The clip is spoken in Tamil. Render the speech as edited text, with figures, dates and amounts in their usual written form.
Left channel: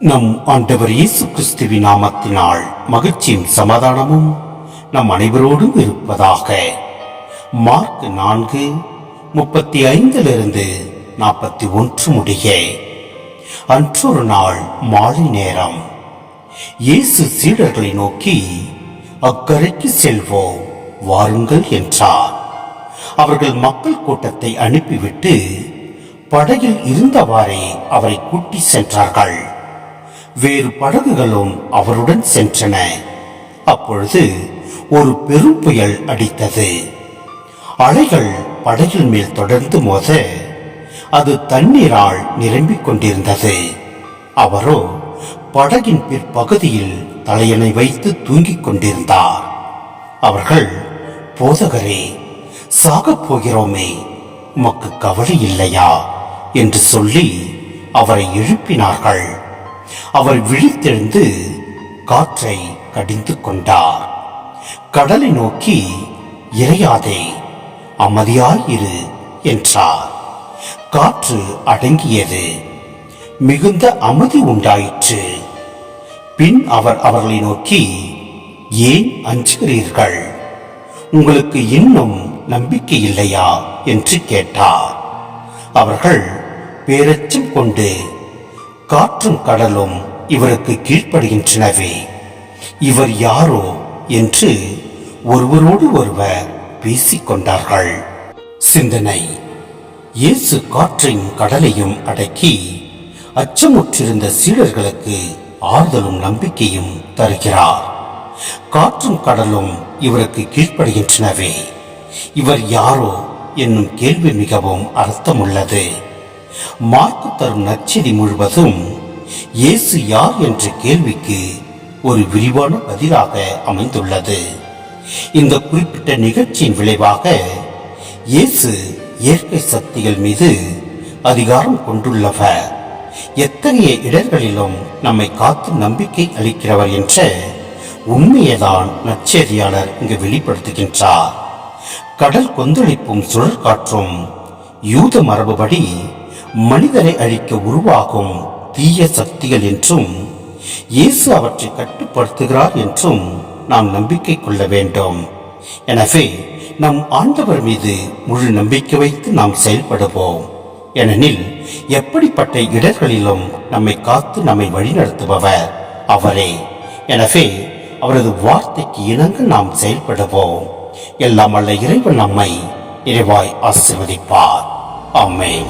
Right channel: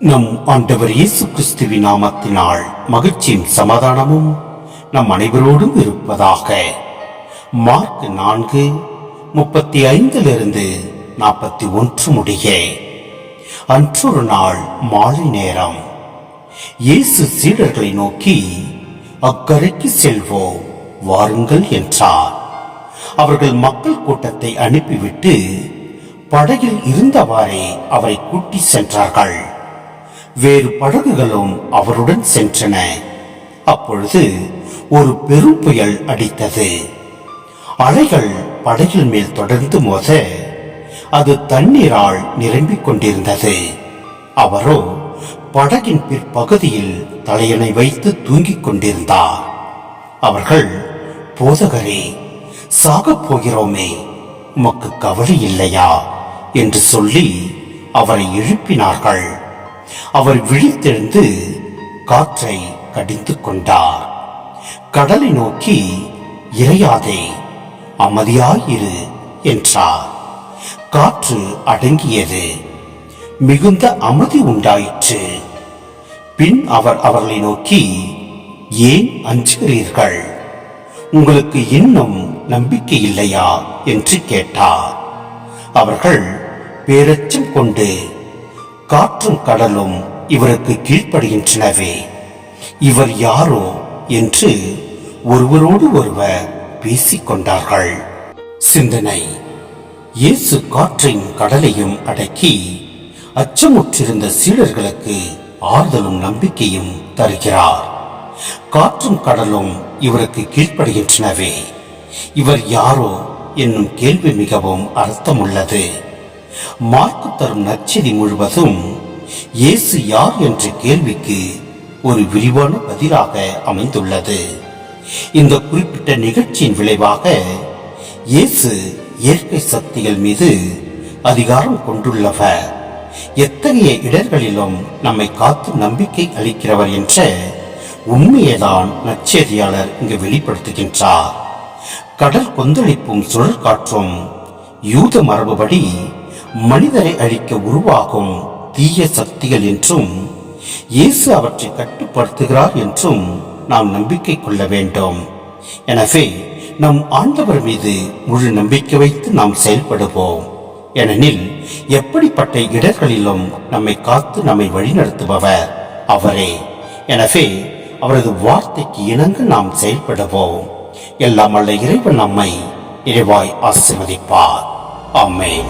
நம் ஆண்டவர் இயேசு கிறிஸ்துவின் நாமத்தினால் மகிழ்ச்சியும் சமாதானமும் நம் அனைவரோடும் இருப்பதாக. மார்க் 4:35-41 முடிய. அன்றொரு நாள் மாலை நேரம், இயேசு சீடர்களை நோக்கி, அக்கரைக்கு செல்வோம், வாருங்கள் என்றார். அவர்கள் மக்கள் கூட்டத்தை அனுப்பிவிட்டு படகில் இருந்தவாறே அவரை கூட்டி சென்றார்கள். வேறு படகுகளும் அவருடன் சென்றன. அப்பொழுது ஒரு பெரும் புயல் அடித்தது. அலைகள் படகில் மேல் தொடர்ந்து மோத அது தண்ணீரால் நிரம்பிக் கொண்டிருந்தது. அவரோ படகின் பிற்பகுதியில் தலையணை வைத்து தூங்கிக் கொண்டிருந்தார். அவர்கள், போதகரே, சாகப் போகிறோமே, உமக்கு கவலை இல்லையா என்று சொல்லி அவரை எழுப்பினார்கள். அவர் விழித்தெழுந்து காற்றை கடிந்து கொண்டார். கடலை நோக்கி, இறையாதே, அமைதியாயிரு என்றார். காற்று அடங்கியது. மிகுந்த அமைதி உண்டாயிற்று. பின் அவர் அவர்களை நோக்கி, ஏன் அஞ்சுகிறீர்கள்? உங்களுக்கு இன்னும் நம்பிக்கை இல்லையா என்று கேட்டார். அவர்கள் பேரச்சம் கொண்டு, காற்றும் கடலும் இவருக்கு கீழ்ப்படுகின்றனவே, இவர் யாரோ என்று ஒருவரோடு ஒருவர் பேசிக்கொண்டார்கள். சிந்தனை: இயேசு காற்றையும் கடலையும் அடக்கி அச்சமுற்றிருந்த சீடர்களுக்கு ஆறுதலும் நம்பிக்கையும் தருகிறார். காற்றும் கடலும் இவருக்கு கீழ்ப்படுகின்றனவே, இவர் யாரோ என்னும் கேள்வி மிகவும் அர்த்தமுள்ளது. மார்க்கு தரும் நற்செய்தி முழுவதும் இயேசு யார் என்ற கேள்விக்கு ஒரு விரிவான பதிலாக அமைந்துள்ளது. இந்த குறிப்பிட்ட நிகழ்ச்சியின் விளைவாக இயேசு இயற்கை சக்திகள் மீது அதிகாரம் கொண்டுள்ளவர், எத்தகைய இடர்களிலும் நம்மை காத்து நம்பிக்கை அளிக்கிறவர் என்ற உண்மையைதான் நற்செய்தியாளர் இங்கு வெளிப்படுத்துகின்றார். கடல் கொந்தளிப்பும் சுழற்காற்றும் யூத மரபுபடி மனிதரை அழிக்க உருவாகும் தீய சக்திகள் என்றும், இயேசு அவற்றை கட்டுப்படுத்துகிறார் என்றும் நாம் நம்பிக்கை கொள்ள வேண்டும். எனவே நம் ஆண்டவர் மீது முழு நம்பிக்கை வைத்து நாம் செயல்படுவோம். ஏனெனில் எப்படிப்பட்ட இடர்களிலும் நம்மை காத்து நம்மை வழிநடத்துபவர் அவரே. எனவே அவரது வார்த்தைக்கு இணங்க நாம் செயல்படுவோம். எல்லாம் வல்ல இறைவன் நம்மை நிறைவாய் ஆசீர்வதிப்பார். ஆமென்.